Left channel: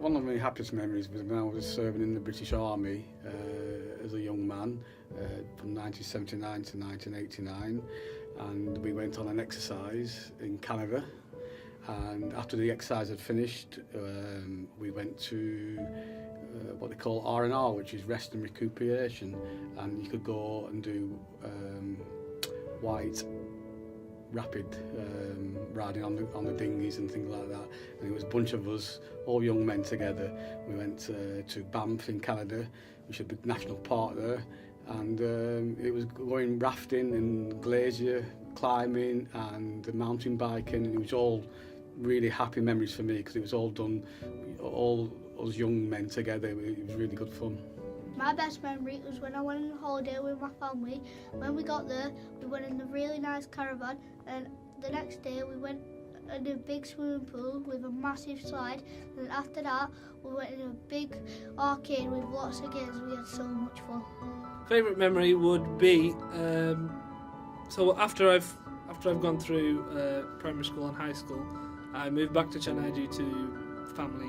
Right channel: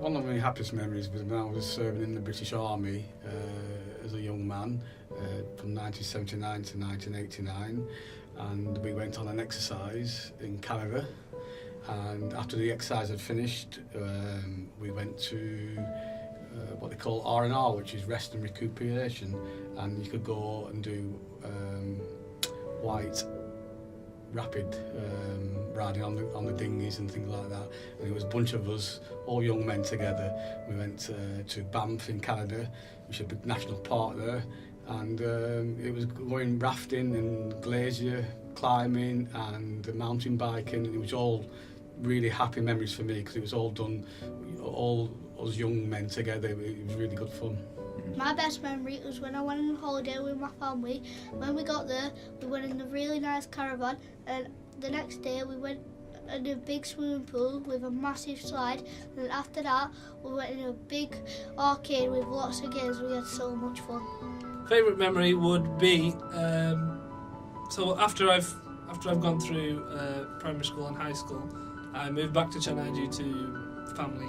one of my happiest memories was when I was serving in the British Army as a young man from 1979 to 1989, and we went on an exercise in Canada. And after the exercise had finished, we went to what they call R&R, which is rest and recuperation, and you could go and do white rapid riding on the dinghies and things like that. And it was a bunch of us, all young men together. We went to Banff in Canada, which is a big national park there, and it was going rafting and glacier climbing and mountain biking, and it was all really happy memories for me because it was all done, all us young men together. It was really good fun. My best memory was when I went on holiday with my family. When we got there, we went in a really nice caravan, and the next day we went in a big swimming pool with a massive slide, and after that we went in a big arcade with lots of games. We had so much fun. Favourite memory would be so after I've gone through primary school and high school, I moved back to Chennai due to family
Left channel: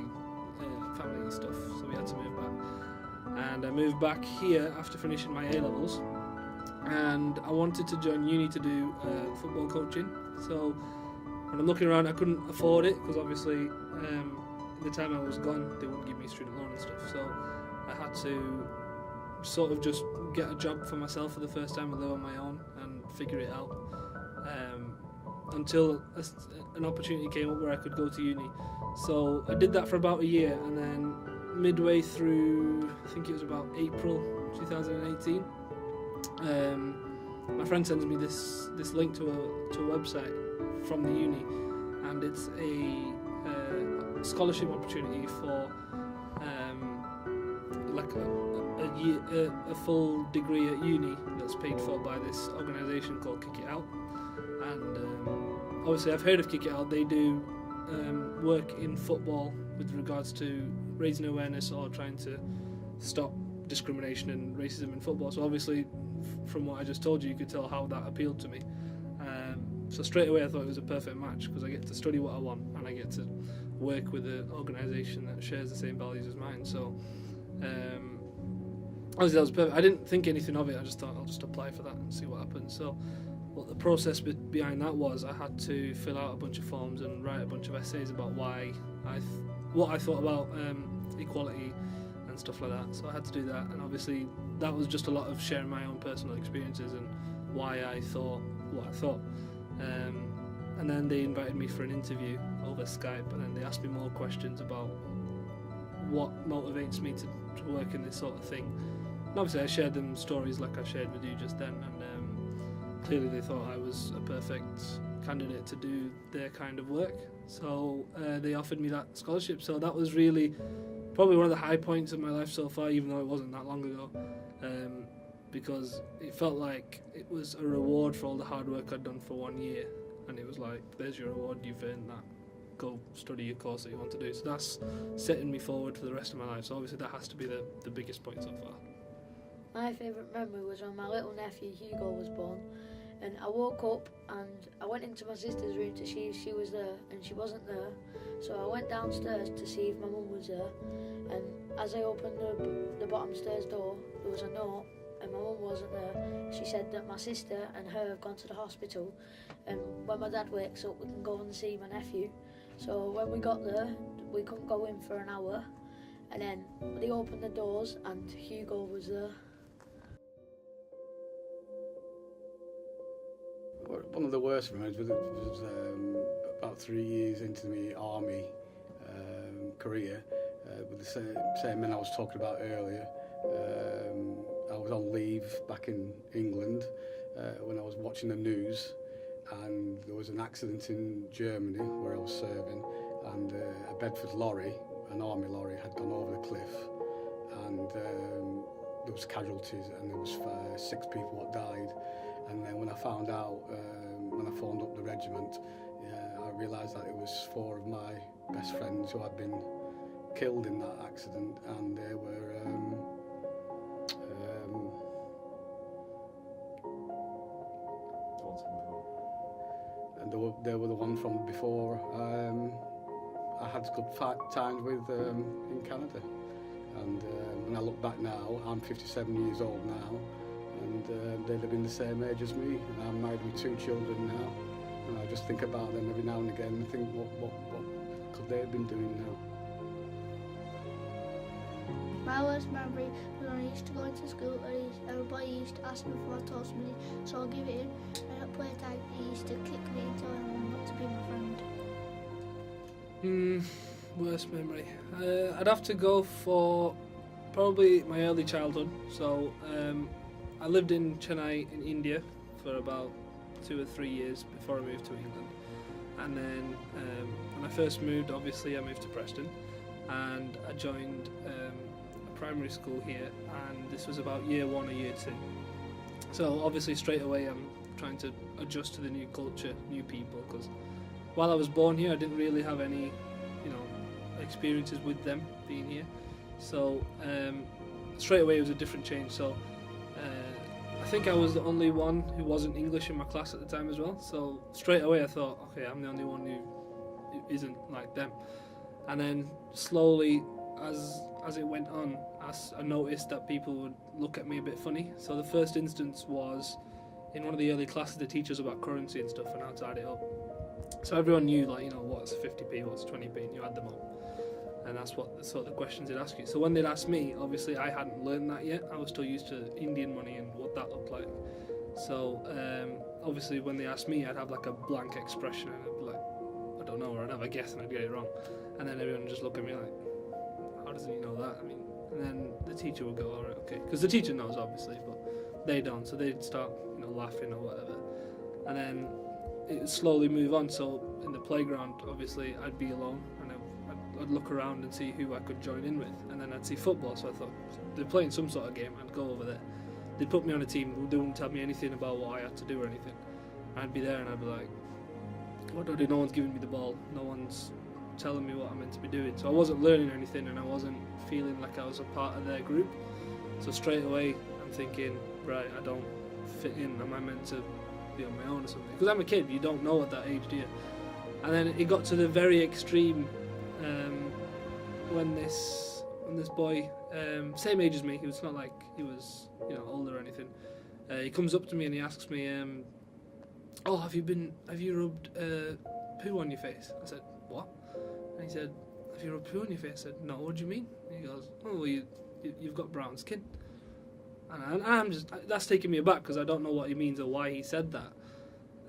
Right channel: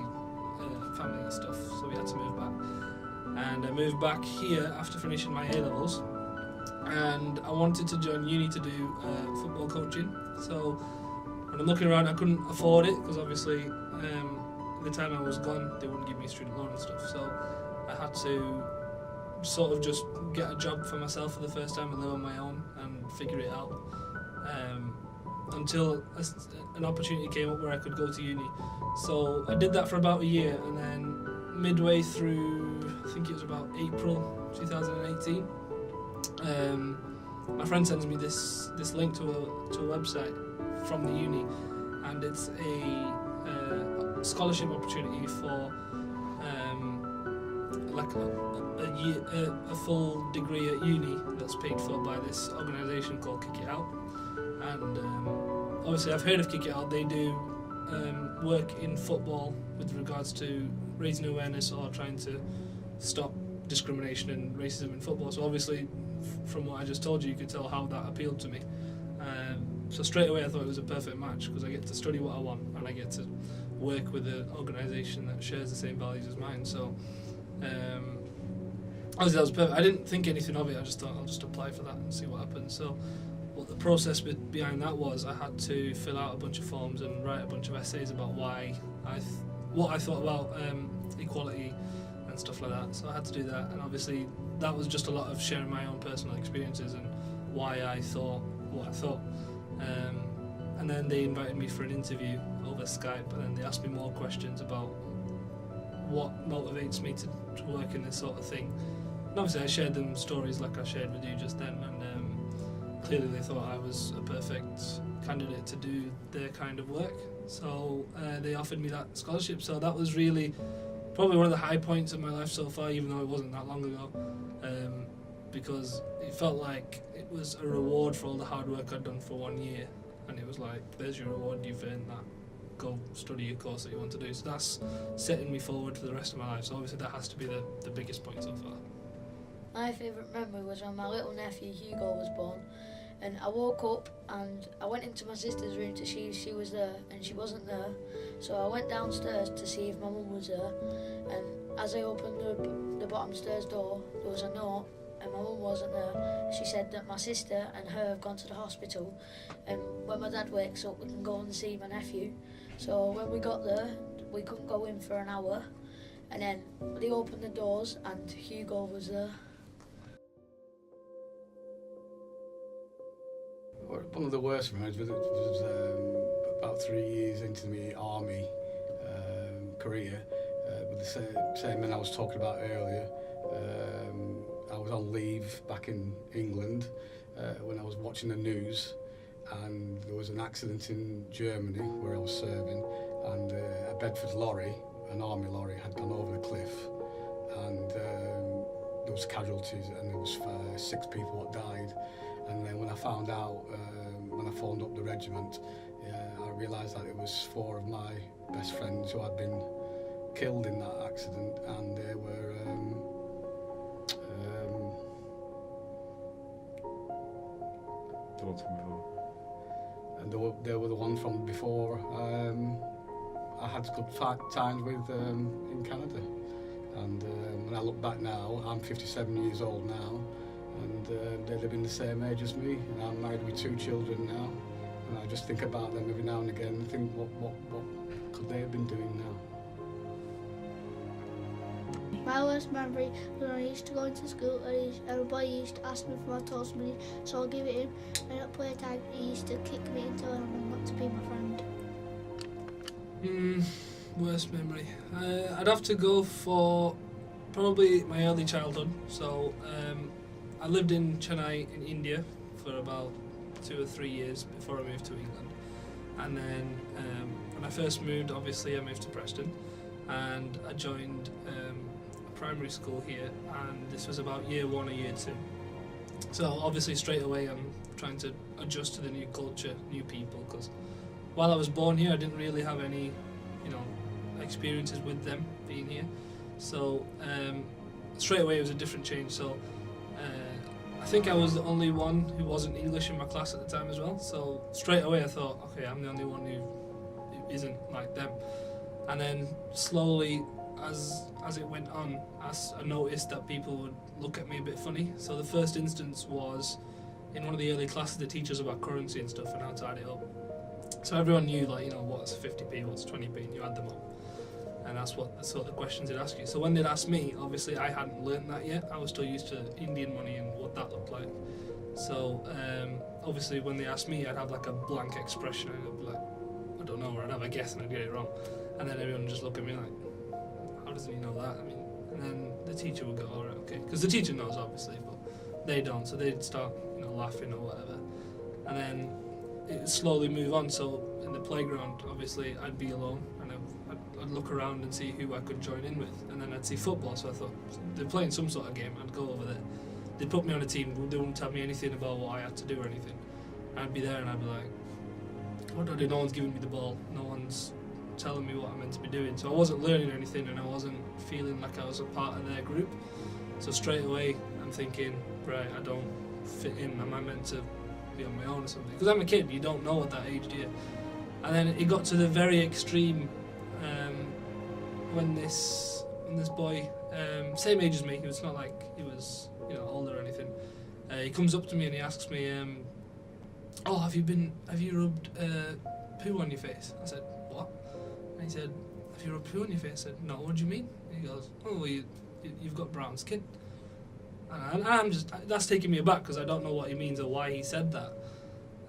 stuff, so we had to move back. And I moved back here after finishing my A-levels, and I wanted to join uni to do football coaching. So when I'm looking around, I couldn't afford it because obviously the time I was gone, they wouldn't give me student loan and stuff. So I had to sort of just get a job for myself for the first time and live on my own and figure it out. Until an opportunity came up where I could go to uni. So I did that for about a year, and then midway through, I think it was about April 2018, my friend sends me this link to a website from the uni, and it's a scholarship opportunity for like a full degree at uni that's paid for by this organisation called Kick It Out. And obviously I've heard of Kick It Out. They do work in football with regards to raising awareness or trying to stop discrimination and racism in football. So obviously from what I just told you could tell how that appealed to me. So straight away I thought it was a perfect match because I get to study what I want and I get to work with an organisation that shares the same values as mine. So obviously that was perfect. I didn't think anything of it. I just thought I'll just apply for that and see what happens. So what the process behind that was, I had to fill out a bunch of forms and write a bunch of essays about what I thought about equality and stuff like that. So I had to do that, and obviously that was just a lot of sharing my own personal experiences and why I thought what I thought. And then they invited me for an interview over Skype, and then they asked me more questions about what motivates me to work in this sort of thing. And obviously I shared them stories like I shared with you just then, and clearly they thought I was a perfect candidate to do their kind of work. So they offered me that scholarship. So that was really probably one of the high points of my life so far, even though it wasn't that long ago, because it felt like it was a reward for all the hard work I'd done for 1 year, and it was like, there's your reward, you've earned that, go study your course that you want to do. So that's setting me forward for the rest of my life. So obviously that has to be the biggest point so far. My favourite memory was when my little nephew Hugo was born, and I woke up and I went into my sister's room to see if she was there, and she wasn't there. So I went downstairs to see if my mum was there, and as I opened the bottom stairs door, there was a note, and my mum wasn't there. She said that my sister and her have gone to the hospital, and when my dad wakes up we can go and see my nephew. So when we got there, we couldn't go in for an hour, and then they opened the doors and Hugo was there. One of the worst memories was about 3 years into my army career, with the same men I was talking about earlier. I was on leave back in England when I was watching the news, and there was an accident in Germany where I was serving, and a Bedford lorry, an army lorry, had gone over the cliff, and there was casualties, and there was 6 people that died. And then when I found out, when I phoned up the regiment, I realised that it was 4 of my best friends who had been killed in that accident, and they were and they were the one from before I had good times with in Canada. And when I look back now, I'm 57 years old now, and they live in the same age as me, and I'm married with 2 children now, and I just think about them every now and again and think, what could they have been doing now? My worst memory was when I used to go into school and a boy used to ask me for my toast money, so I'll give it him, and at playtime he used to kick me and tell him not to be my friend. Worst memory. I'd have to go for probably my early childhood. So I lived in Chennai in India for about 2 or 3 years before I moved to England. And then when I first moved, obviously I moved to Preston, and I joined a primary school here, and this was about year 1 or year 2. So obviously straight away I'm trying to adjust to the new culture, new people, because while I was born here I didn't really have any, experiences with them being here. So straight away it was a different change. So I think I was the only one who wasn't English in my class at the time as well. So straight away I thought, okay, I'm the only one who isn't like them. And then slowly, as it went on, I noticed that people would look at me a bit funny. So the first instance was in one of the early classes, the teachers about currency and stuff and how to add it up. So everyone knew, what's 50p, what's 20p, and you add them up. And that's what the sort of questions they'd ask you. So when they'd ask me, obviously I hadn't learned that yet. I was still used to Indian money and what that looked like. So obviously when they asked me, I'd have like a blank expression and I'd be like, I don't know, or I'd have a guess and I'd get it wrong. And then everyone would just look at me like, how doesn't he know that? And then the teacher would go, all right, okay. Because the teacher knows, obviously, but they don't. So they'd start, laughing or whatever. And then it would slowly move on. So in the playground, obviously, I'd be alone and I'd look around and see who I could join in with. And then I'd see football. So I thought, they're playing some sort of game. I'd go over there. They'd put me on a team. They wouldn't tell me anything about what I had to do or anything. I'd be there and I'd be like, what do I do? No one's giving me the ball. No one's telling me what I'm meant to be doing. So I wasn't learning anything and I wasn't feeling like I was a part of their group. So straight away I'm thinking, right, I don't fit in. Am I meant to be on my own or something? Because I'm a kid, you don't know at that age, do you? And then it got to the very extreme when this boy, same age as me, he was not like he was older or anything, he comes up to me and he asks me, oh, have you rubbed poo on your face? I said, what? And he said, have you rubbed poo on your face? I said, no, what do you mean? And he goes, oh, well, you've got brown skin. And I'm just, that's taking me aback because I don't know what he means or why he said that.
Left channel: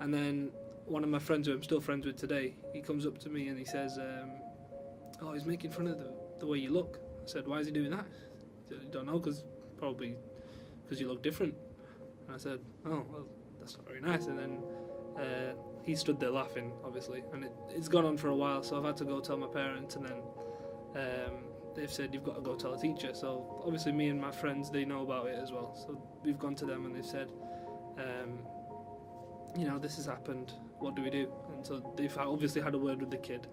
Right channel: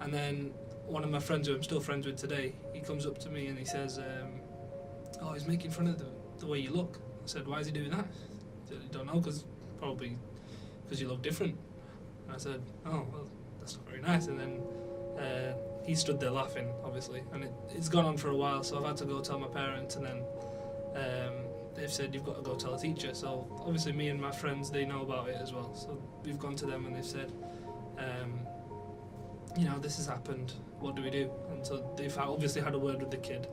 And then one of my friends who I'm still friends with today, he comes up to me and he says, oh, he's making fun of the way you look. I said, why is he doing that? He said, I don't know, probably because you look different. And I said, oh, well, that's not very nice. And then he stood there laughing, obviously, and it's gone on for a while, so I've had to go tell my parents, and then they've said you've got to go tell a teacher. So obviously me and my friends, they know about it as well, so we've gone to them and they've said, this has happened, what do we do? And so they've obviously had a word with the kid,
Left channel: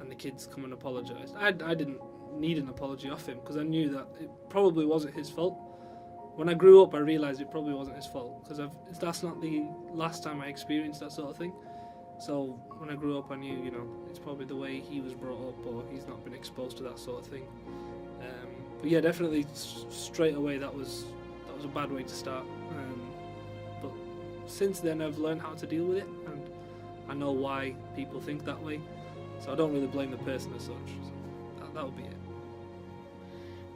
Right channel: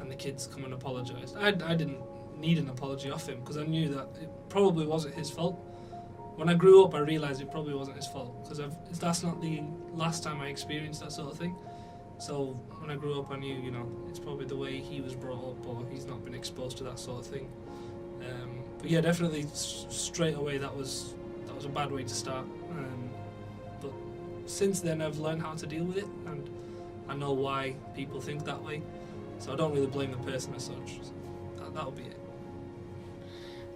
and the kid's come and apologised. I didn't need an apology off him because I knew that it probably wasn't his fault. When I grew up I realised it probably wasn't his fault because that's not the last time I experienced that sort of thing. So when I grew up I knew, it's probably the way he was brought up or he's not been exposed to that sort of thing. But yeah, definitely straight away that was a bad way to start. But since then I've learned how to deal with it and I know why people think that way. So I don't really blame the person as such. So that'll be it.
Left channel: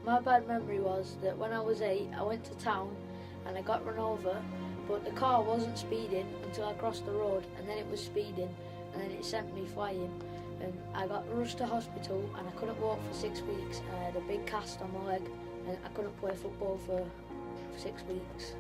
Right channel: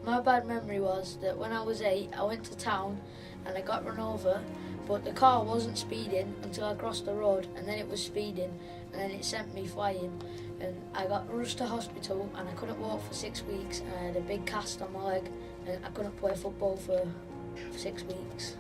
My bad memory was that when I was 8, I went to town and I got run over, but the car wasn't speeding until I crossed the road, and then it was speeding, and then it sent me flying, and I got rushed to hospital and I couldn't walk for 6 weeks. I had a big cast on my leg and I couldn't play football for 6 weeks.